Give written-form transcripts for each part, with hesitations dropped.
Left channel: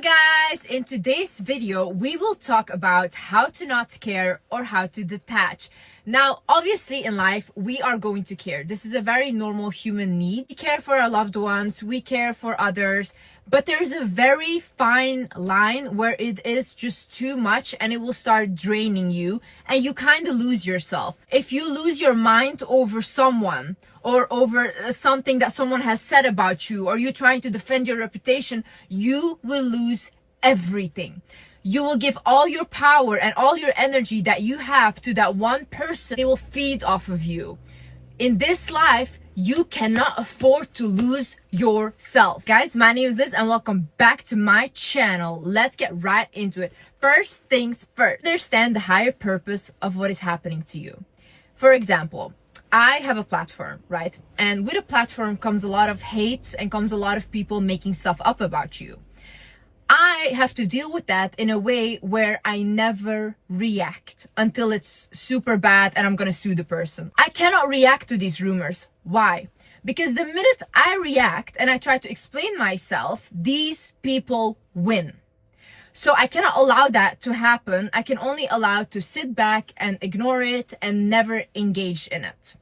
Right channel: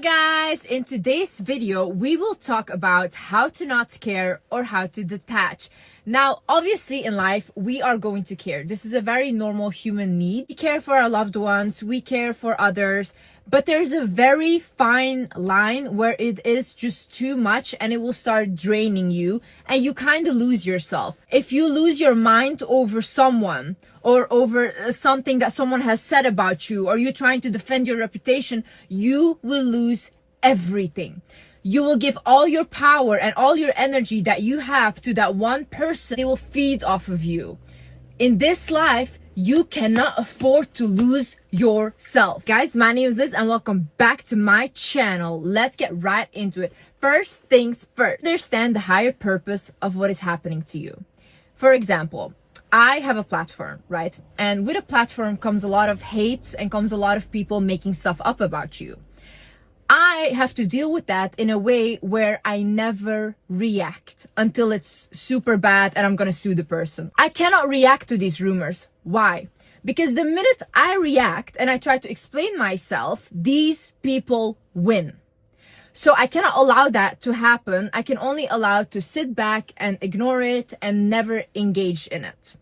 guys, in today's video we will talk about how to not care or how to detach. Now obviously in life we are going to care. This is a very normal human need. We care for our loved ones, we care for others, but there's a very fine line where it is just too much and it will start draining you and you kind of lose yourself. If you lose your mind over someone or over something that someone has said about you, or you trying to defend your reputation, you will lose everything. You will give all your power and all your energy that you have to that one person. They will feed off of you. In this life, you cannot afford to lose yourself. Guys, my name is Liz and welcome back to my channel. Let's get right into it. First things first, understand the higher purpose of what is happening to you. For example, I have a platform, right? And with a platform comes a lot of hate and comes a lot of people making stuff up about you. I have to deal with that in a way where I never react until it's super bad and I'm gonna sue the person. I cannot react to these rumors. Why? Because the minute I react and I try to explain myself, these people win. So I cannot allow that to happen. I can only allow to sit back and ignore it and never engage in it.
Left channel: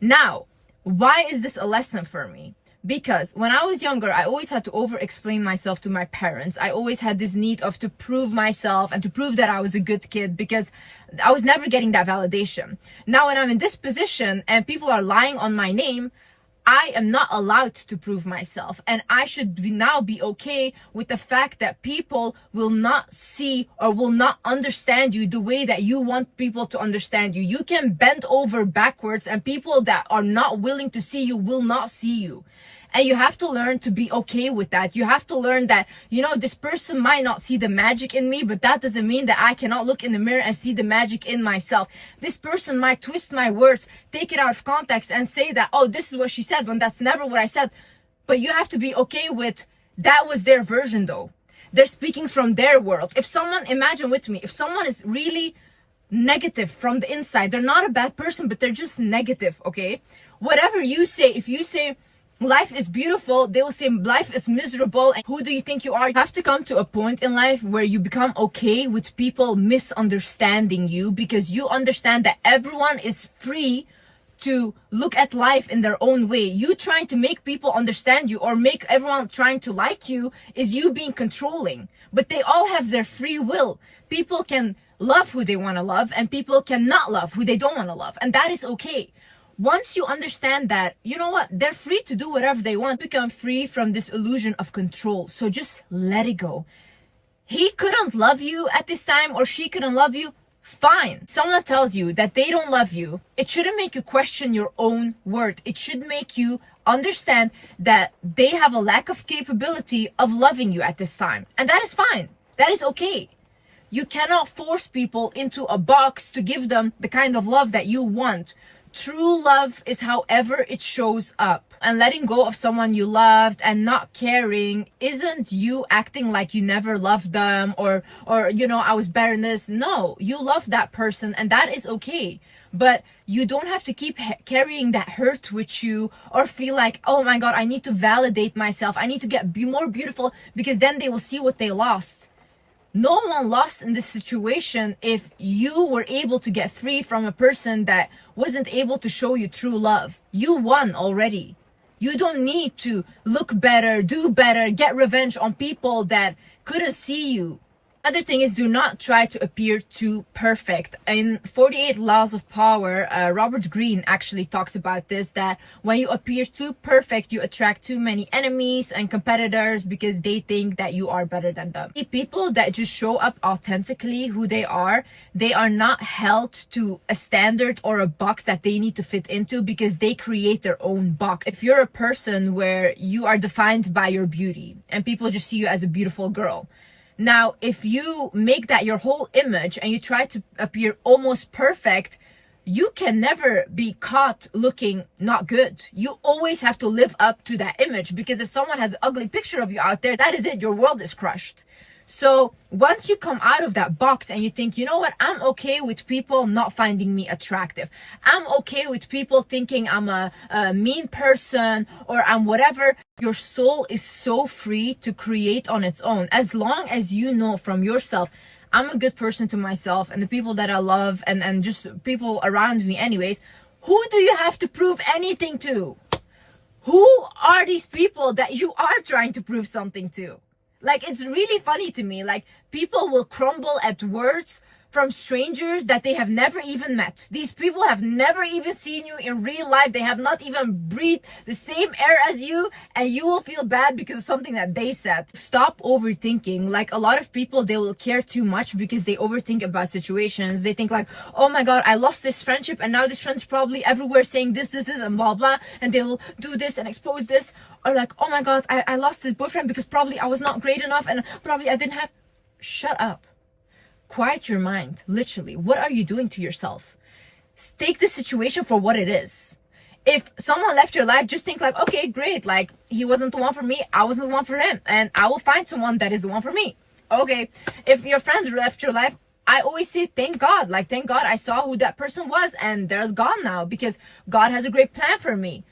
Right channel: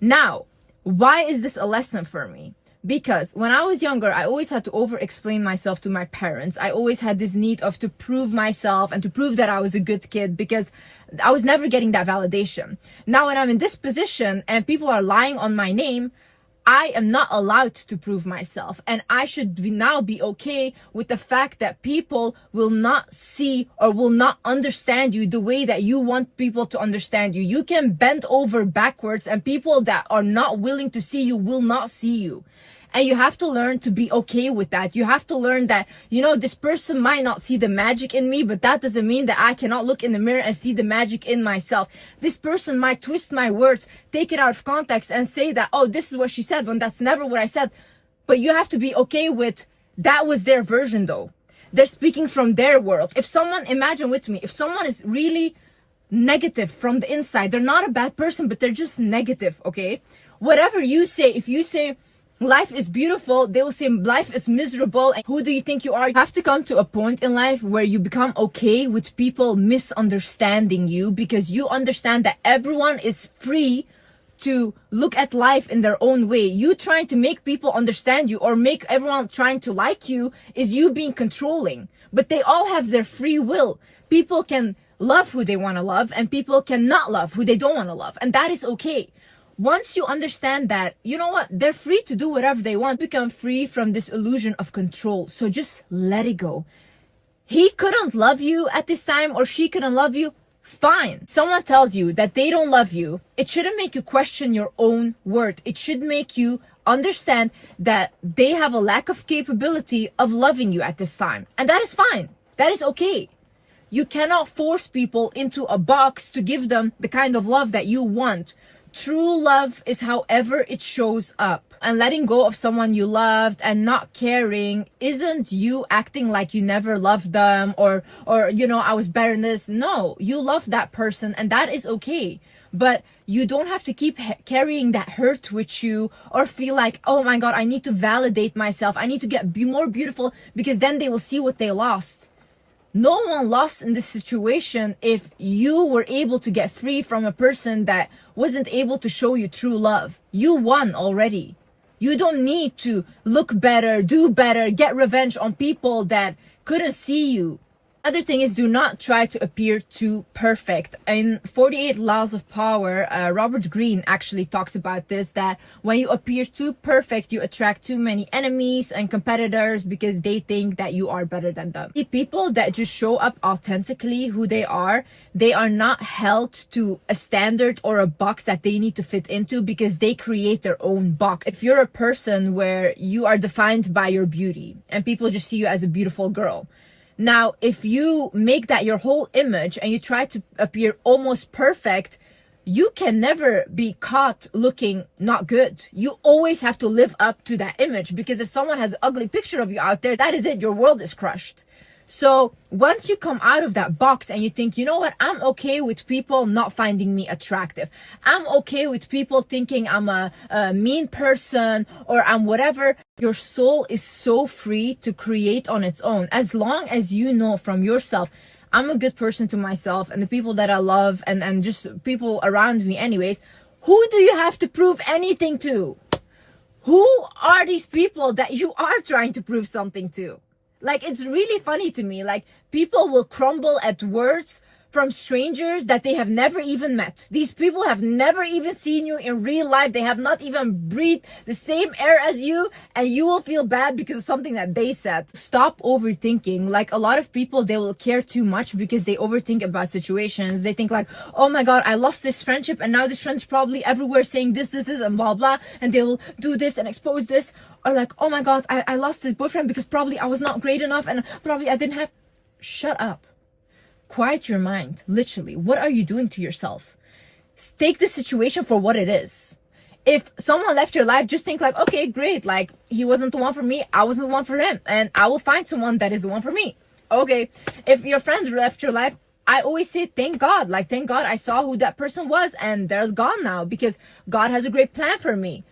Now, why is this a lesson for me? Because when I was younger, I always had to over-explain myself to my parents. I always had this need of to prove myself and to prove that I was a good kid because I was never getting that validation. Now, when I'm in this position and people are lying on my name, I am not allowed to prove myself, and I should now be okay with the fact that people will not see or will not understand you the way that you want people to understand you. You can bend over backwards and people that are not willing to see you will not see you. And you have to learn to be okay with that. You have to learn that, this person might not see the magic in me, but that doesn't mean that I cannot look in the mirror and see the magic in myself. This person might twist my words, take it out of context and say that, oh, this is what she said when that's never what I said. But you have to be okay with that was their version though. They're speaking from their world. If someone, imagine with me, if someone is really negative from the inside, they're not a bad person, but they're just negative, okay? Whatever you say, if you say, life is beautiful, they will say life is miserable and who do you think you are? You have to come to a point in life where you become okay with people misunderstanding you, because you understand that everyone is free to look at life in their own way. You trying to make people understand you or make everyone trying to like you is you being controlling, but they all have their free will. People can love who they want to love and people cannot love who they don't want to love, and that is okay. Once you understand that, you know what, they're free to do whatever they want, become free from this illusion of control. So just let it go. He couldn't love you at this time or she couldn't love you, fine. Someone tells you that they don't love you, it shouldn't make you question your own worth. It should make you understand that they have a lack of capability of loving you at this time. And that is fine. That is okay. You cannot force people into a box to give them the kind of love that you want. True love is however it shows up. And letting go of someone you loved and not caring isn't you acting like you never loved them or I was better than this. No, you love that person and that is okay. But you don't have to keep carrying that hurt with you or feel like, oh my God, I need to validate myself. I need to be more beautiful because then they will see what they lost. No one lost in this situation if you were able to get free from a person that wasn't able to show you true love. You won already. You don't need to look better, do better, get revenge on people that couldn't see you. Other thing is, do not try to appear too perfect. In 48 Laws of Power, Robert Greene actually talks about this, that when you appear too perfect, you attract too many enemies and competitors because they think that you are better than them. The people that just show up authentically who they are not held to a standard or a box that they need to fit into because they create their own box. If you're a person where you are defined by your beauty and people just see you as a beautiful girl, now, if you make that your whole image and you try to appear almost perfect, you can never be caught looking not good. You always have to live up to that image, because if someone has an ugly picture of you out there, that is it. Your world is crushed. So once you come out of that box and you think, you know what, I'm okay with people not finding me attractive. I'm okay with people thinking I'm a mean person or I'm whatever. Your soul is so free to create on its own. As long as you know from yourself, I'm a good person to myself and the people that I love and just people around me anyways. Who do you have to prove anything to? Who are these people that you are trying to prove something to? Like, it's really funny to me. Like, people will crumble at words from strangers that they have never even met. These people have never even seen you in real life. They have not even breathed the same air as you, and you will feel bad because of something that they said. Stop overthinking. Like, a lot of people, they will care too much because they overthink about situations. They think like, oh my God, I lost this friendship and now this friend's probably everywhere saying this, and blah, blah. And they will do this and expose this. Or like, oh my God, I lost this boyfriend because probably I was not great enough and probably I didn't have... Shut up. Quiet your mind. Literally, what are you doing to yourself? Take the situation for what it is. If someone left your life, just think like, okay, great. Like, he wasn't the one for me. I wasn't the one for him. And I will find someone that is the one for me. Okay. If your friends left your life, I always say, thank God. Like, thank God I saw who that person was and they're gone now because God has a great plan for me.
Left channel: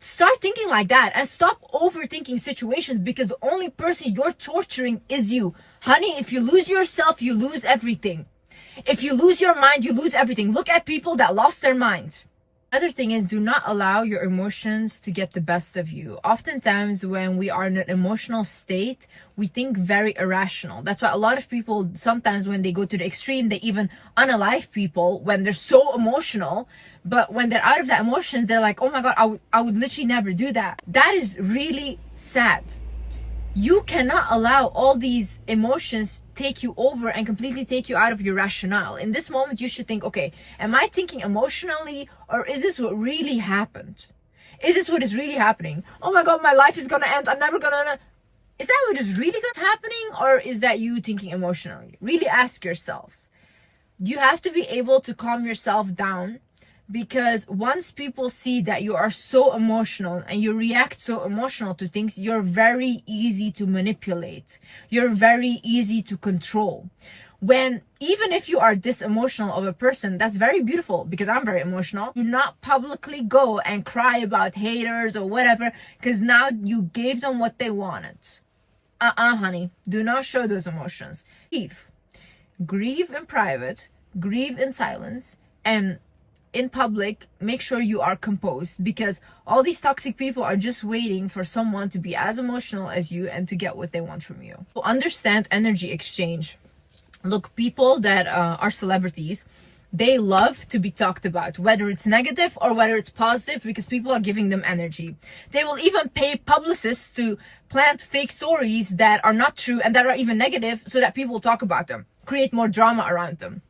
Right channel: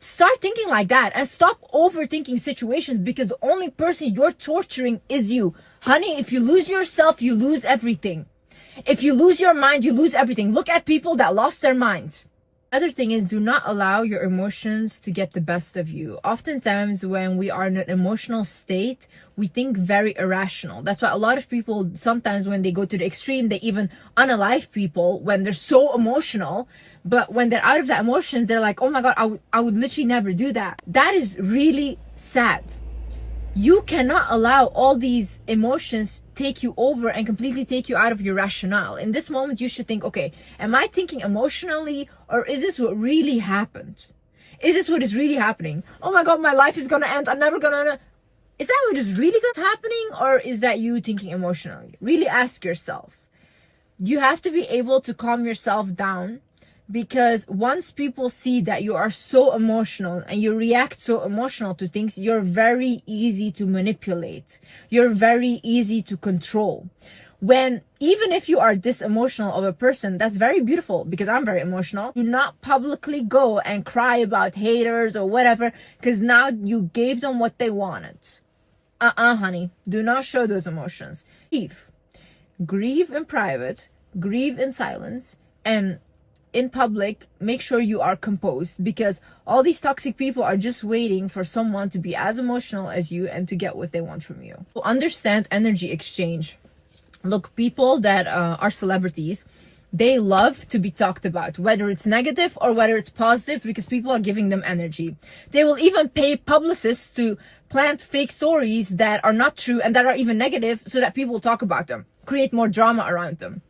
Start thinking like that and stop overthinking situations because the only person you're torturing is you. Honey, if you lose yourself, you lose everything. If you lose your mind, you lose everything. Look at people that lost their mind. Other thing is, do not allow your emotions to get the best of you. Oftentimes when we are in an emotional state, we think very irrational. That's why a lot of people, sometimes when they go to the extreme, they even unalive people when they're so emotional. But when they're out of that emotions, they're like, oh my God, I would literally never do that. That is really sad. You cannot allow all these emotions take you over and completely take you out of your rationale. In this moment, you should think, okay, am I thinking emotionally or is this what really happened? Is this what is really happening? Oh my God, my life is gonna end. I'm never gonna... Is that what is really happening or is that you thinking emotionally? Really ask yourself. You have to be able to calm yourself down. Because once people see that you are so emotional and you react so emotional to things, you're very easy to manipulate. You're very easy to control. When, even if you are this emotional of a person, that's very beautiful because I'm very emotional. Do not publicly go and cry about haters or whatever because now you gave them what they wanted. Honey, do not show those emotions. Grieve. Grieve in private, grieve in silence, and in public, make sure you are composed because all these toxic people are just waiting for someone to be as emotional as you and to get what they want from you. So understand energy exchange. Look, people that are celebrities, they love to be talked about, whether it's negative or whether it's positive, because people are giving them energy. They will even pay publicists to plant fake stories that are not true and that are even negative so that people will talk about them, create more drama around them.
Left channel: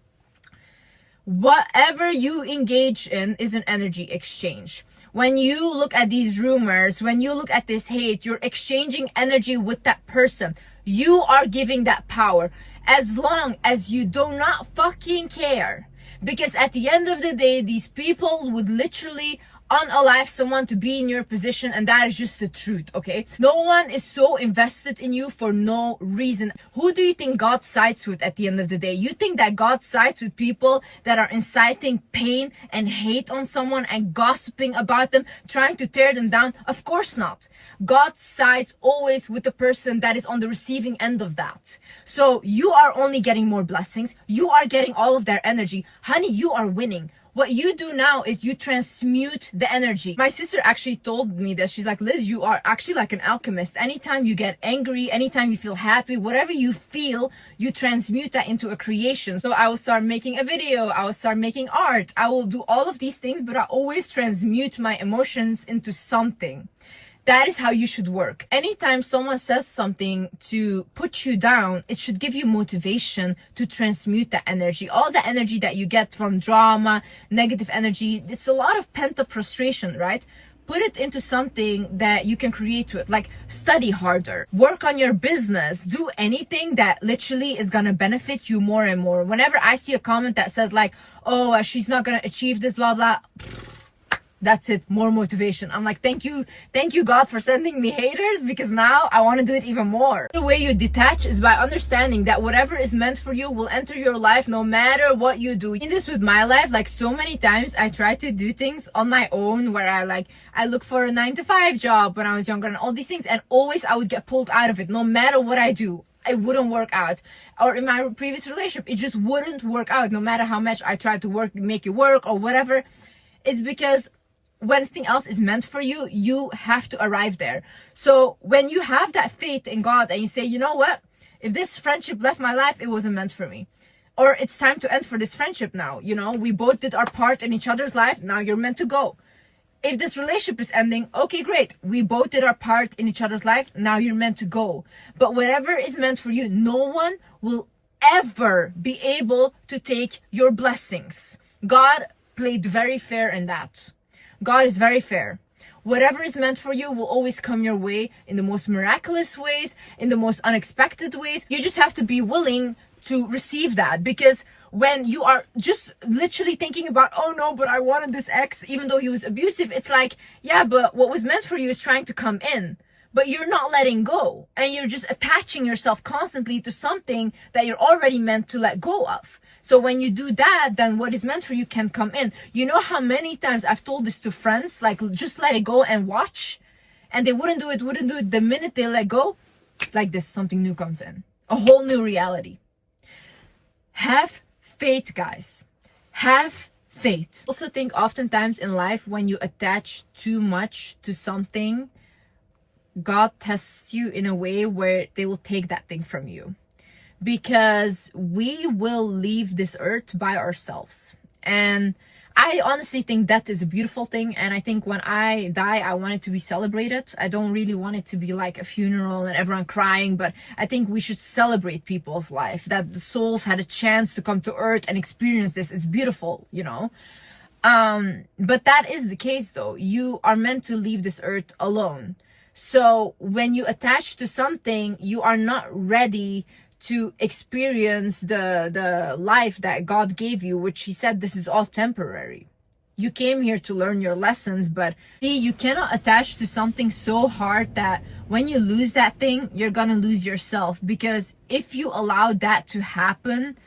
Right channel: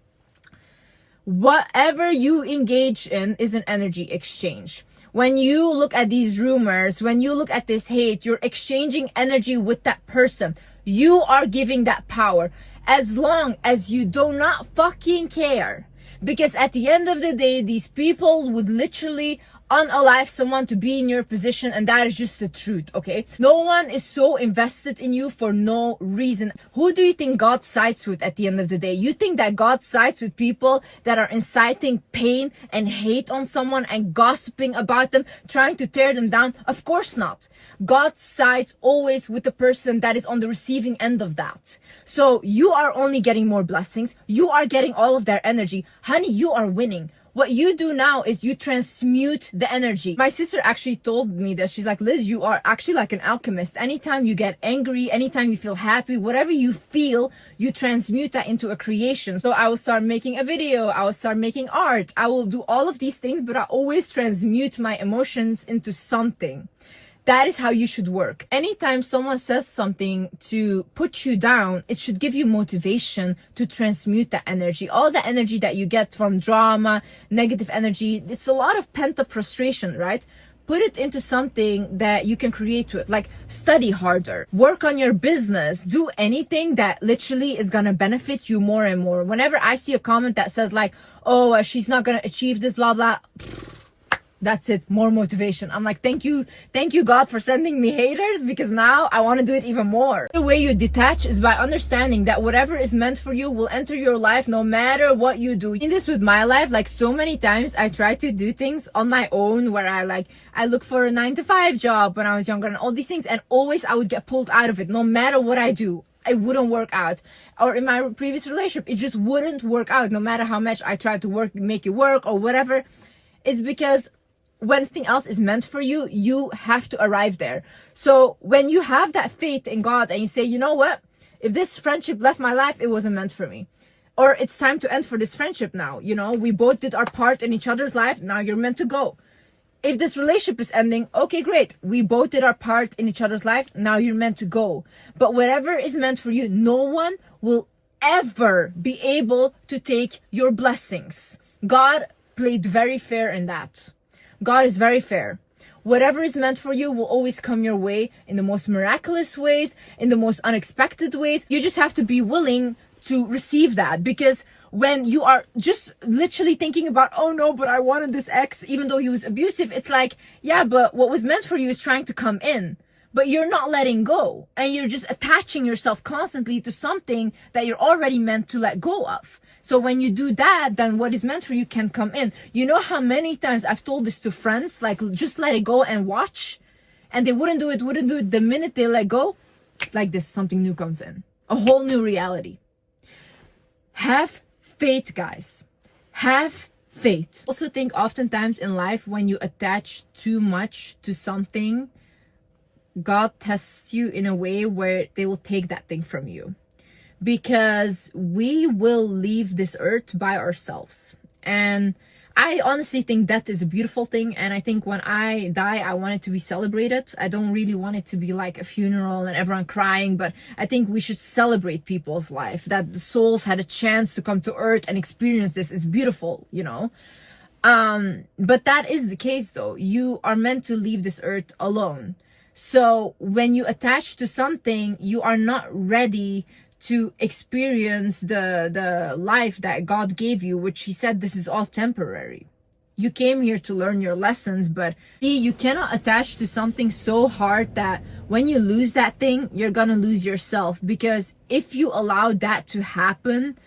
Whatever you engage in is an energy exchange. When you look at these rumors, when you look at this hate, you're exchanging energy with that person. You are giving that power. As long as you do not fucking care. Because at the end of the day, these people would literally unalive someone to be in your position, and that is just the truth, okay? No one is so invested in you for no reason. Who do you think God sides with at the end of the day? You think that God sides with people that are inciting pain and hate on someone and gossiping about them, trying to tear them down? Of course not. God sides always with the person that is on the receiving end of that. So you are only getting more blessings. You are getting all of their energy. Honey, you are winning. What you do now is you transmute the energy. My sister actually told me that. She's like, Liz, you are actually like an alchemist. Anytime you get angry, anytime you feel happy, whatever you feel, you transmute that into a creation. So I will start making a video. I will start making art. I will do all of these things, but I always transmute my emotions into something. That is how you should work. Anytime someone says something to put you down, it should give you motivation to transmute that energy. All the energy that you get from drama, negative energy, it's a lot of pent-up frustration, right? Put it into something that you can create with, like study harder, work on your business, do anything that literally is gonna benefit you more and more. Whenever I see a comment that says like, oh, she's not gonna achieve this, blah, blah, That's it, more motivation. I'm like, thank you God for sending me haters, because now I want to do it even more. The way you detach is by understanding that whatever is meant for you will enter your life no matter what you do. In this with my life, like so many times I try to do things on my own, where I look for a 9-to-5 job when I was younger and all these things, and always I would get pulled out of it. No matter what I do, it wouldn't work out. Or in my previous relationship, it just wouldn't work out, no matter how much I tried to make it work or whatever. It's because when something else is meant for you, you have to arrive there. So when you have that faith in God and you say, you know what, if this friendship left my life, it wasn't meant for me, or it's time to end for this friendship now, you know, we both did our part in each other's life, now you're meant to go. If this relationship is ending, okay, great, we both did our part in each other's life, now you're meant to go. But whatever is meant for you, no one will ever be able to take your blessings. God played very fair in that. God is very fair. Whatever is meant for you will always come your way in the most miraculous ways, in the most unexpected ways. You just have to be willing to receive that, because when you are just literally thinking about, oh no, but I wanted this ex even though he was abusive, it's like, yeah, but what was meant for you is trying to come in, but you're not letting go, and you're just attaching yourself constantly to something that you're already meant to let go of. So when you do that, then what is meant for you can come in. You know how many times I've told this to friends, like, just let it go and watch, and they wouldn't do it. The minute they let go, like this, something new comes in, a whole new reality. Have faith, guys. Have faith. I also think oftentimes in life, when you attach too much to something, God tests you in a way where they will take that thing from you. Because we will leave this earth by ourselves. And I honestly think that is a beautiful thing. And I think when I die, I want it to be celebrated. I don't really want it to be like a funeral and everyone crying, but I think we should celebrate people's life, that the souls had a chance to come to earth and experience this. It's beautiful, you know. But that is the case though. You are meant to leave this earth alone. So when you attach to something, you are not ready to experience the life that God gave you, which he said this is all temporary. You came here to learn your lessons, but see, you cannot attach to something so hard that when you lose that thing, you're gonna lose yourself. Because if you allow that to happen,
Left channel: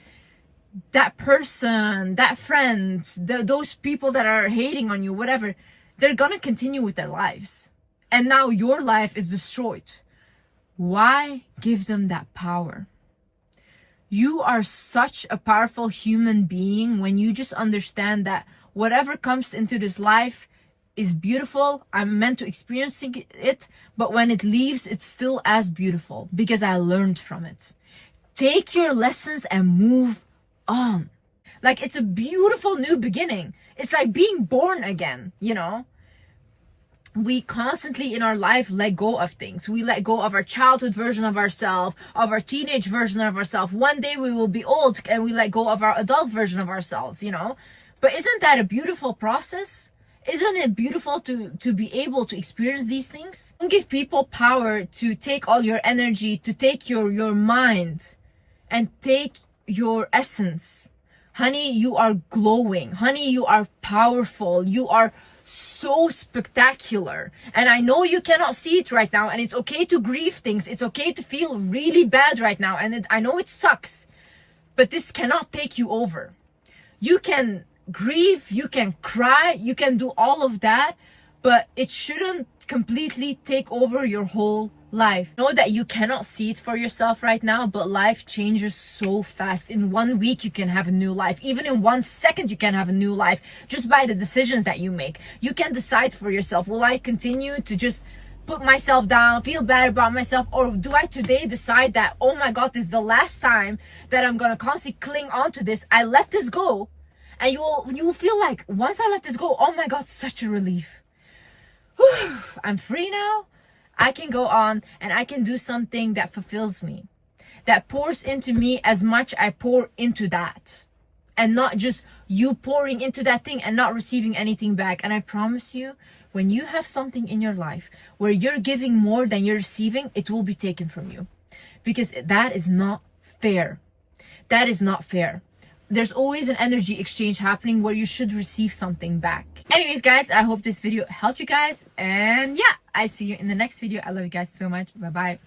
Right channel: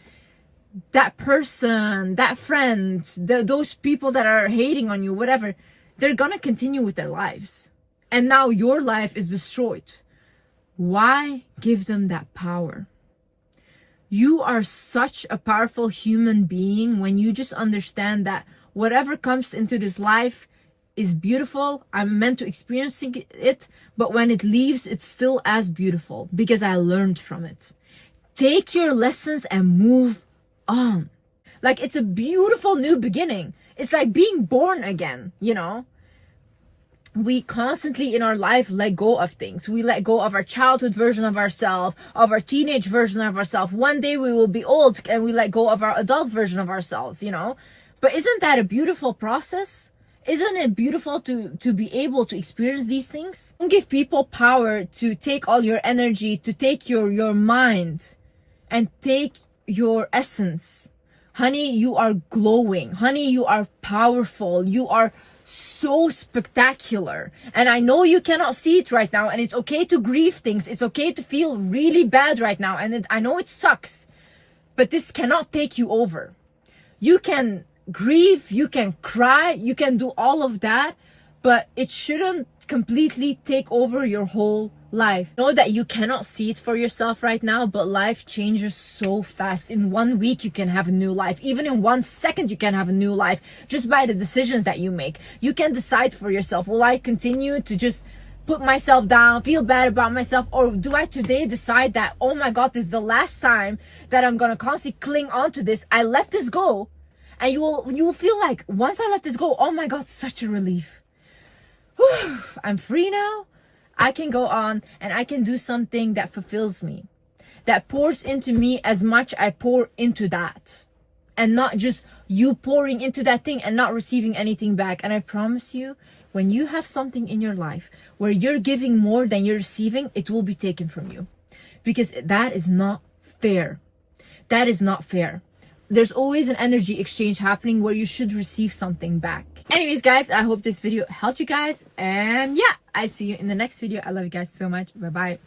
that person, that friend, those people that are hating on you, whatever, they're gonna continue with their lives. And now your life is destroyed. Why give them that power? You are such a powerful human being when you just understand that whatever comes into this life is beautiful. I'm meant to experience it, but when it leaves, it's still as beautiful because I learned from it. Take your lessons and move on. Like, it's a beautiful new beginning. It's like being born again, you know? We constantly in our life let go of things. We let go of our childhood version of ourselves, of our teenage version of ourselves. One day we will be old and we let go of our adult version of ourselves, you know? But isn't that a beautiful process? Isn't it beautiful to be able to experience these things? Don't give people power to take all your energy, to take your mind and take your essence. Honey, you are glowing. Honey, you are powerful. You are so spectacular. And I know you cannot see it right now, and it's okay to grieve things. It's okay to feel really bad right now, and I know it sucks, but this cannot take you over. You can grieve, you can cry, you can do all of that, but it shouldn't completely take over your whole life. Know that you cannot see it for yourself right now, but life changes so fast. In 1 week, you can have a new life. Even in 1 second, you can have a new life just by the decisions that you make. You can decide for yourself, will I continue to just put myself down, feel bad about myself, or do I today decide that, oh my God, this is the last time that I'm gonna constantly cling on to this. I let this go, and you will feel like, once I let this go, oh my God, such a relief. Whew, I'm free now. I can go on and I can do something that fulfills me, that pours into me as much I pour into that, and not just you pouring into that thing and not receiving anything back. And I promise you, when you have something in your life where you're giving more than you're receiving, it will be taken from you, because that is not fair. That is not fair. There's always an energy exchange happening where you should receive something back. Anyways, guys, I hope this video helped you guys. And yeah, I see you in the next video. I love you guys so much. Bye-bye.